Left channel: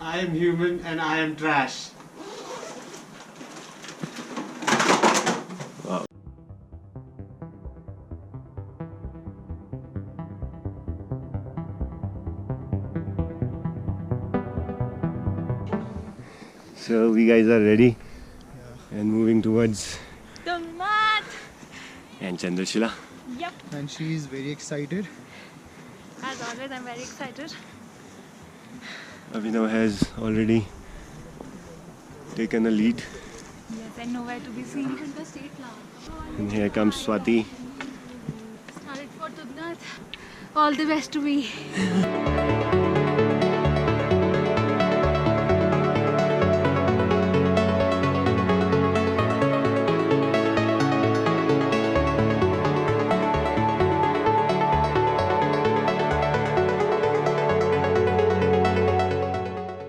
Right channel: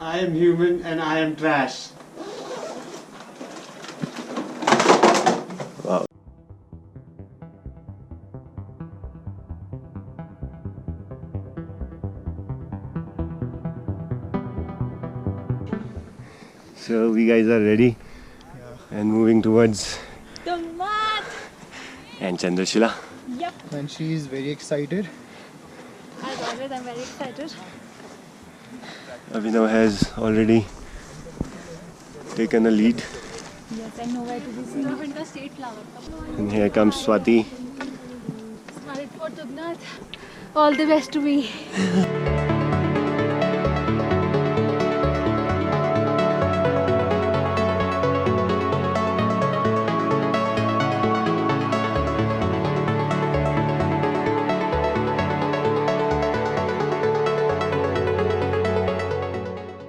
I am human and I am trash. Wow. So we guys are ready and moving towards Tungnath! and Chandrashila. Yep. And she is very excited. As always, I'm very excited. Abhinav has already taken a lead, Yes, I know where to be seen. Even the state flower. and here comes Swati. Started for Tungnath. All the best to me.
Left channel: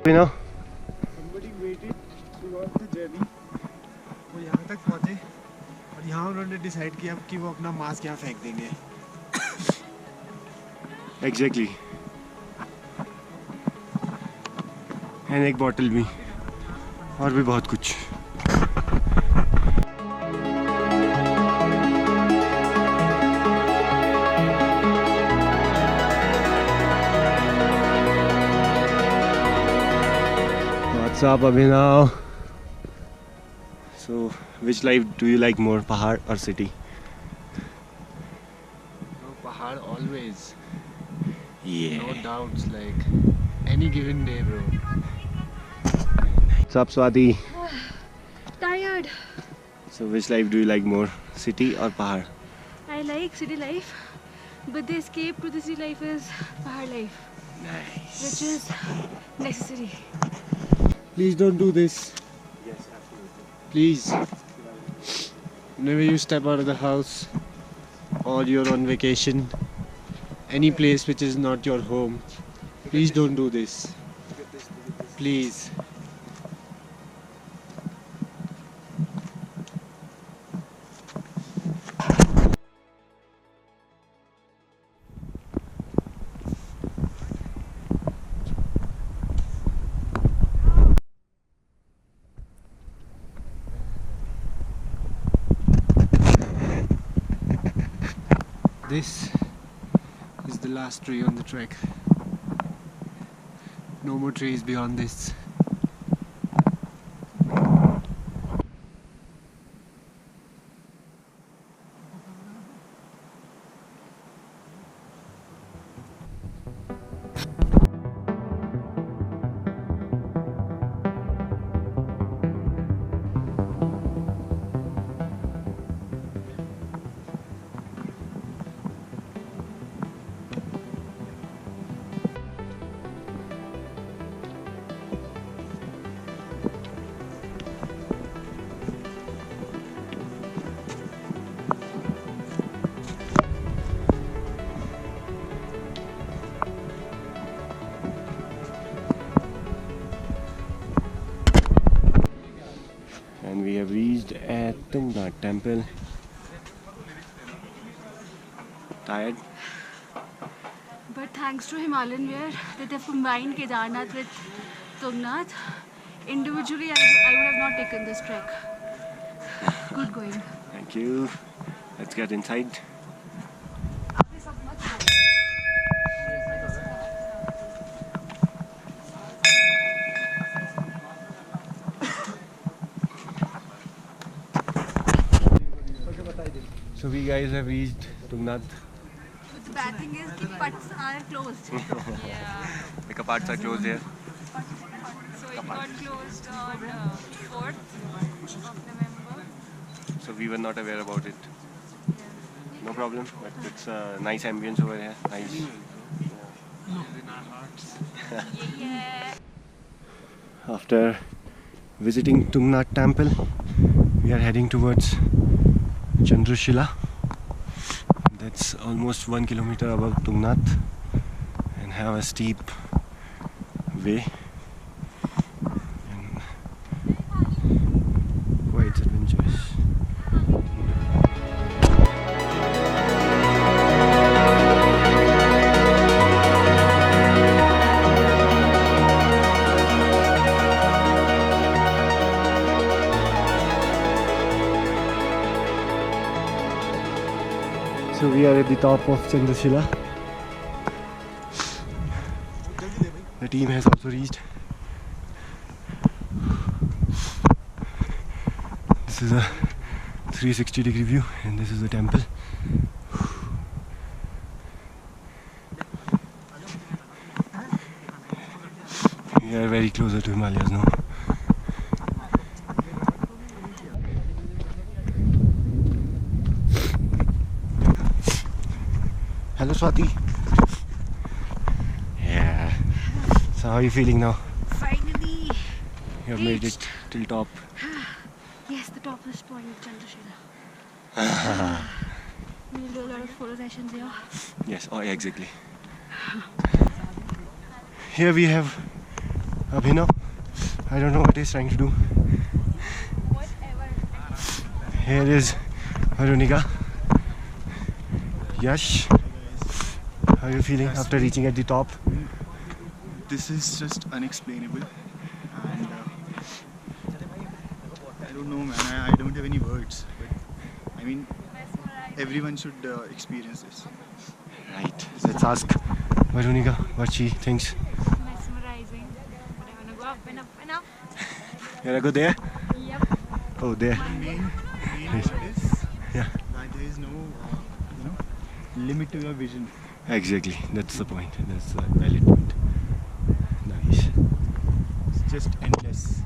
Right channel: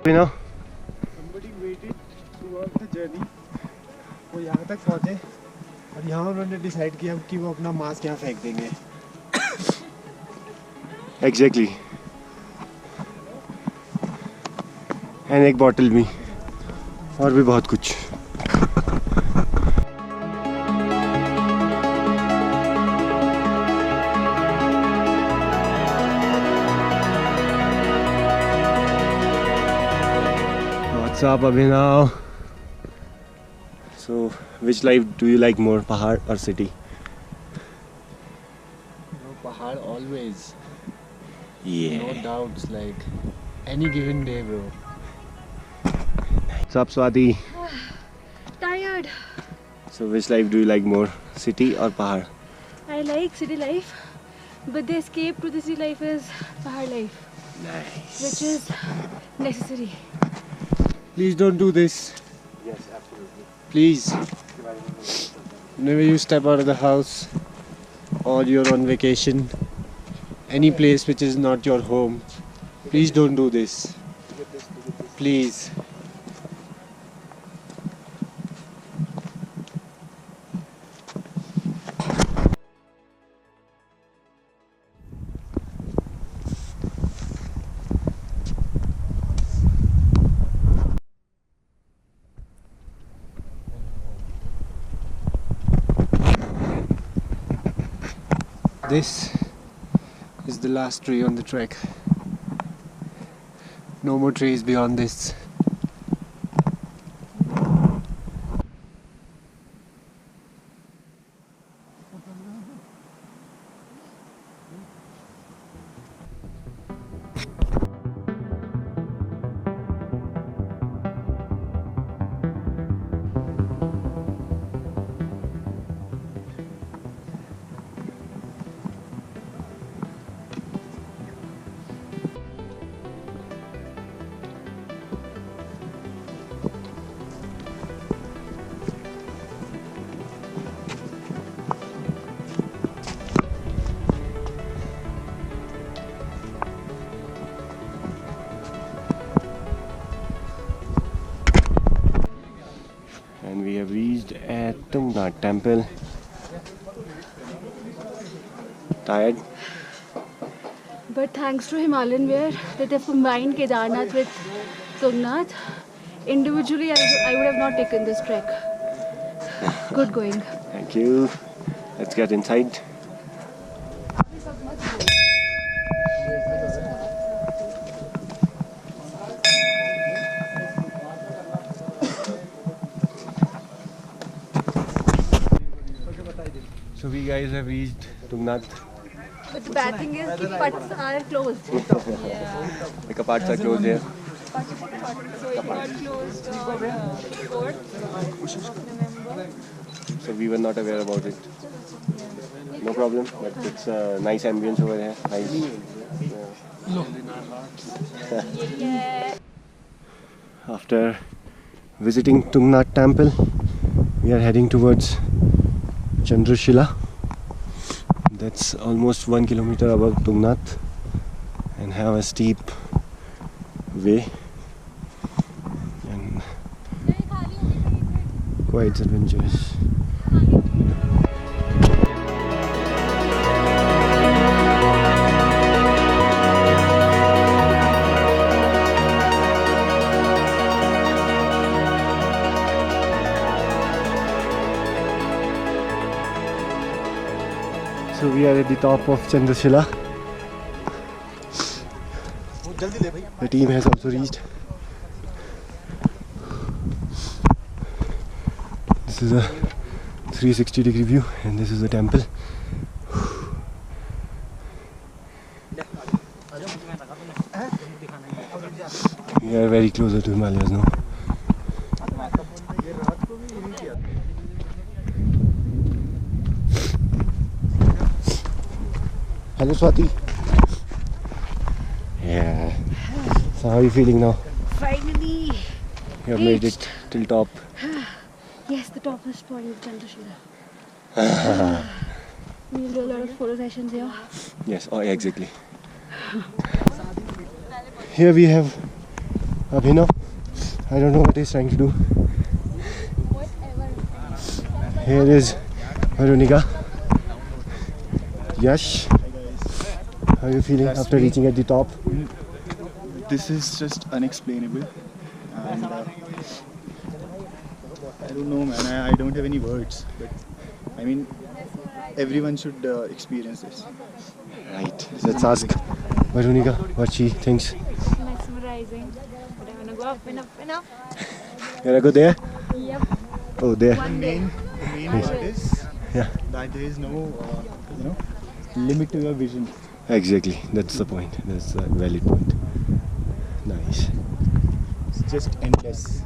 Abhinav, Somebody waited throughout the journey. वो यहाँ तक पहुँचे और यहाँ उन्होंने decide किया कि वो अपना मास्क यहाँ फेंक देंगे. exactly. And एक बॉटल भी और भी बहुत कुछ. What's up, Abhinav? So, which life do you like more, Pahad or city? No, Pahad always. Yeah. No doubts, like any given day, bro. What's up, Swati? Tired. So, which life do you like more, city or Pahad? I like city life, but the escape to the city life is Pahad life, Nice. which is necessary. Please don't do this. Yes, absolutely. Please. Whenever you step out of the house or you're on vacation, any place which is not your home, please don't do this. Please. This is the last tree on the trek. No more trees beyond this. And we have reached at Tungnath temple. Tired? But thanks to Himalayan wear that they've combined Kedarnath with Tungnath, individually I would have not taken this trek. Good going. Thank you. Let's get inside. So we guys have reached Tungnath. But the bad thing is the putts are closed. Yeah. The kapads are closed here. So it got closed on 4th of November. So we were not aware about it. No problem, but it's a nice ambience over here. Nice. Yeah. After visiting Tungnath temple, we are heading towards Chandrashila. That's almost 1 kilometer above Tungnath and have a steep way and quite adventurous. So we are at the top of Chandrashila. The team has also reached. This is a 360-degree view, and this is the temple. We are very closer to Himalayas now. Hello Swati. Yeah. So how are you feeling now? Finally! You have made it till top. Yes, the topmost point of Chandrashila. We'll do a lot of photo sessions here. Yes, oh, exactly. Here we have Abhinav. I don't know what he's trying to do. Here is Veronica. Yash. How are you feeling after reaching at the top? This is just unexplainable, and I don't know, man. I don't have any words, but I mean, everyone should experience this. Right. Let's ask Veronica what she thinks. Mesmerizing. But I want to go up and up and up. You wanna go there? Yep. Oh, there. The main part is Yeah. that there is no, limit to your vision. Exactly. That's the point. That's a valid point. Nice. It's just endless.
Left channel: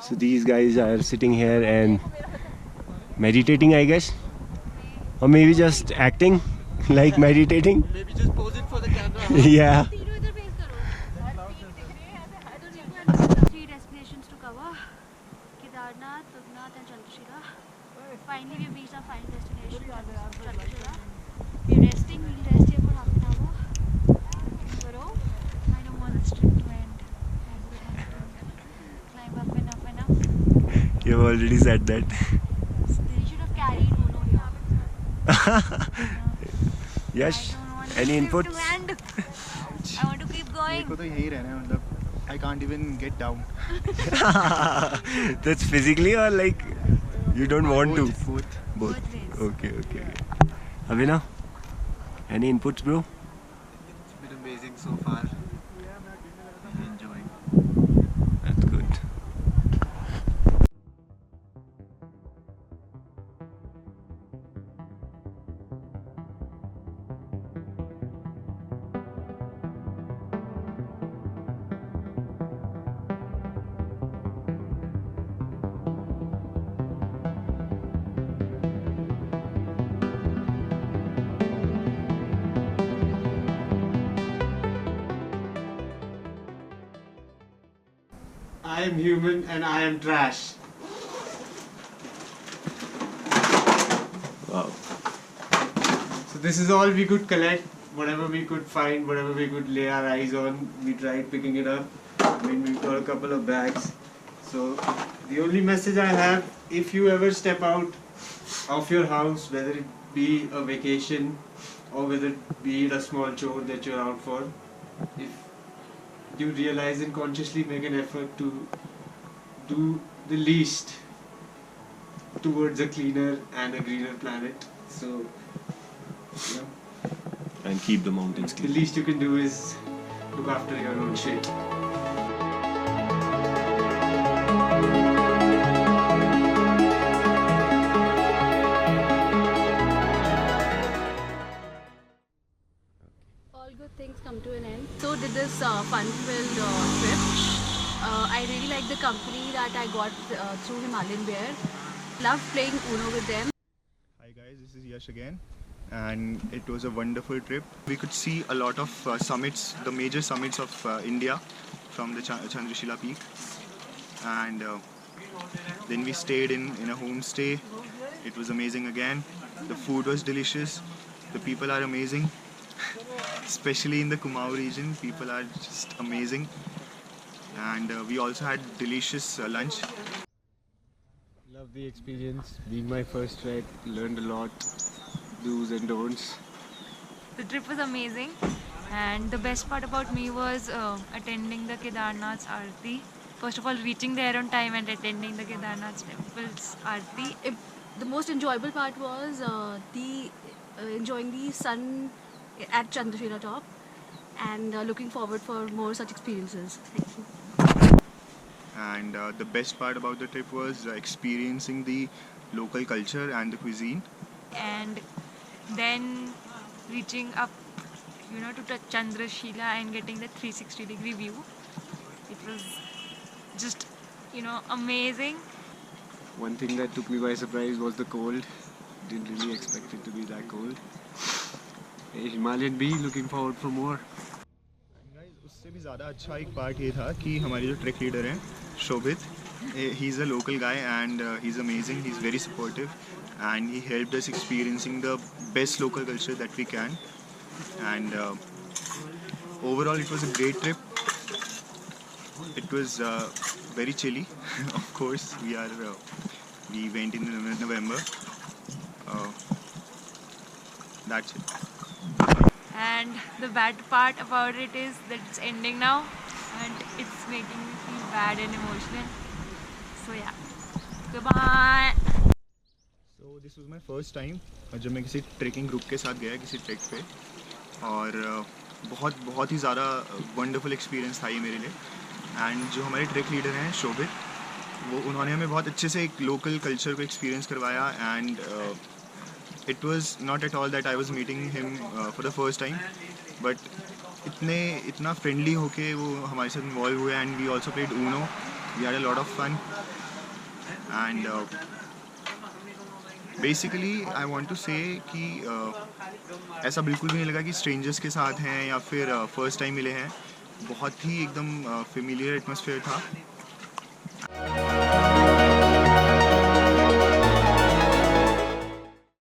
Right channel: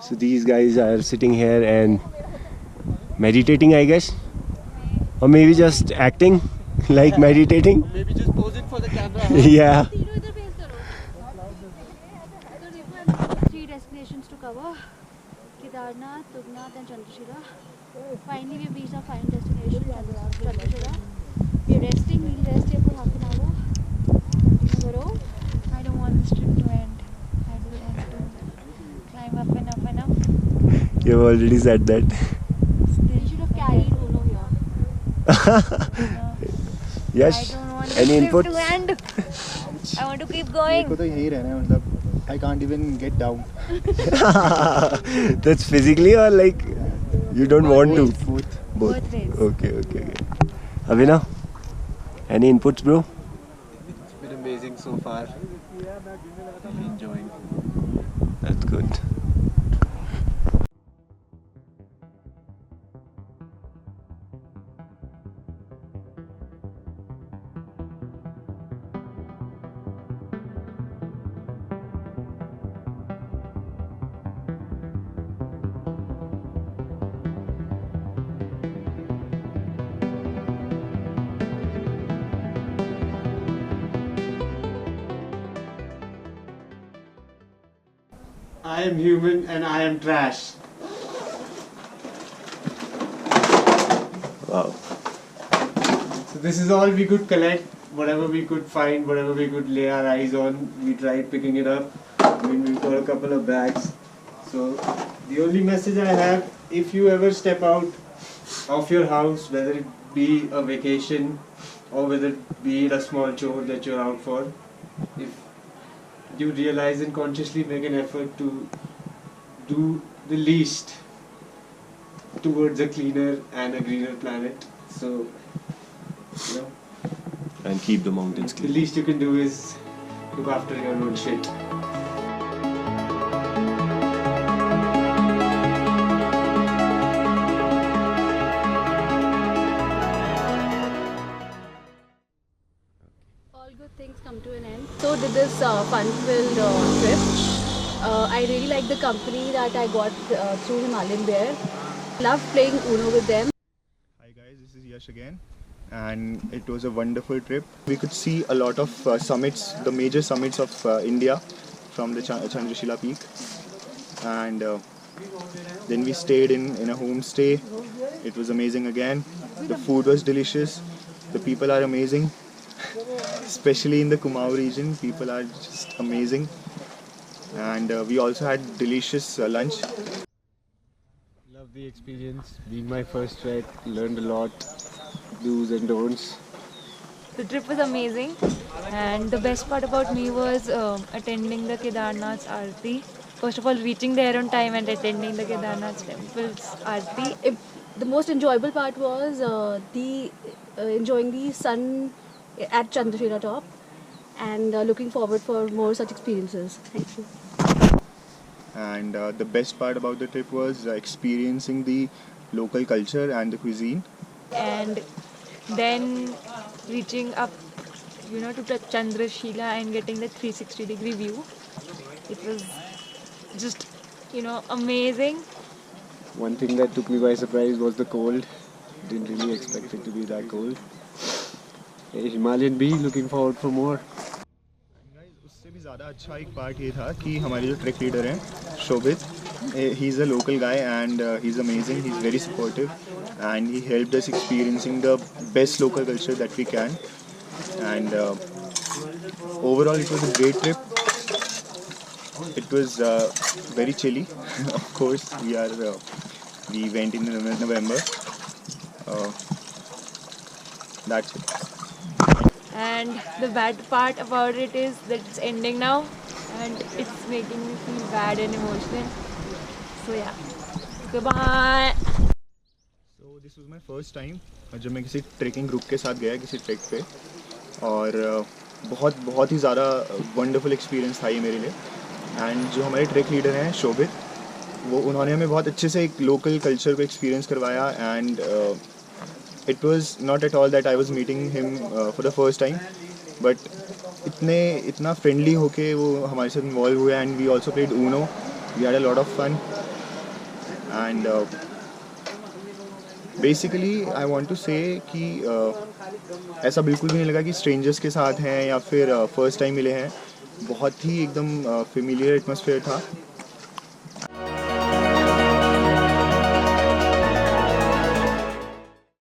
So these guys are sitting here and meditating, I guess, or maybe just acting like meditating. Maybe just pose it for the camera. Yeah. 3 destinations to cover: Kedarnath, Tugnath and Chandrashila. Finally we've reached our final destination, Chandrashila. We're resting, we'll rest here for half an hour. Continue Garo. I don't want this trip to end. I don't want to climb up and up and up. You've already said that. We should have carried Uno here. Yes. I don't want Any this input? trip to end. I want to keep मेरे going. को तो यही रहना है, मतलब I can't even get down. That's physically or like you don't want to? Both. Both ways. Okay. Abhinav, any inputs, bro? It's been amazing so far. Really enjoying. That's good. I am human and I am trash. Wow. So this is all we could collect, whatever we could find, whatever we could lay our eyes on. We tried picking it up. I mean, we've got a couple of bags. So the only message I have, if you ever step out of your house, whether it be a vacation or whether it be a small chore that you're out for, if you realize and consciously make an effort to do the least towards a cleaner and a greener planet. So, And keep the mountains the clean. least you can do is look after your own shit. All good things come to an end. So did this fun-filled trip. I really like the company that I got through Himalayan Bear. Love playing Uno with them. Hi guys, this is Yash again, and it was a wonderful trip. We could see a lot of summits, the major summits of India from the Chandrashila peak, and then we stayed in a homestay. It was amazing again. The food was delicious. The people are amazing, especially in the Kumaon region. People are just amazing, and we also had delicious lunch. Love the experience. Being my first trek, learned a lot. Do's and don'ts. The trip was amazing, and the best part about me was attending the Kedarnath's Aarti. First of all, reaching there on time and attending the Kedarnath temple's Aarti. the most enjoyable part was the enjoying the sun at Chandrashila Top, and looking forward for more such experiences. Thank you. And the best part about the trip was experiencing the local culture and the cuisine. And then reaching up, to Chandrashila and getting the 360-degree view. It was just, amazing. One thing that took me by surprise was the cold. Didn't really expect it to be that cold. Hey, Himalayan bee, looking forward for more. Guys, उससे भी ज़्यादा अच्छा एक part ये था कि हमारे जो ट्रैक लीडर हैं शोभित, he is a local guy and he's amazing. He's very supportive and he helped us experiencing the best local culture that we can. And overall, it was a great trip. It was very chilly. Of course, we went in November. That's it. And the bad part about it is that it's ending now, and it's making me feel bad and emotional. So yeah, goodbye. So this was my first time जब मैं किसी trekking group के साथ गया किसी track पे, और बहुत ही ज़्यादा वंडरफुल एक्सपीरियंस था ये मेरे लिए. एंड जो हमारे ट्रैक लीडर हैं शोभित, उन्होंने हमें बहुत अच्छे से एक लोकल कल्चर को एक्सपीरियंस करवाया. And it was not at all that I was meeting him for the first time, but इतना फ्रेंडली होके वो हमारे साथ इन्वॉल्व हुए. And we also played Uno. We had a lot of fun. And basically I want to say कि ऐसा बिल्कुल भी नहीं लगा कि स्ट्रेंजर्स के साथ हैं या फिर फर्स्ट टाइम मिले हैं. बहुत ही एकदम फेमिलियर एटमॉस्फेयर था.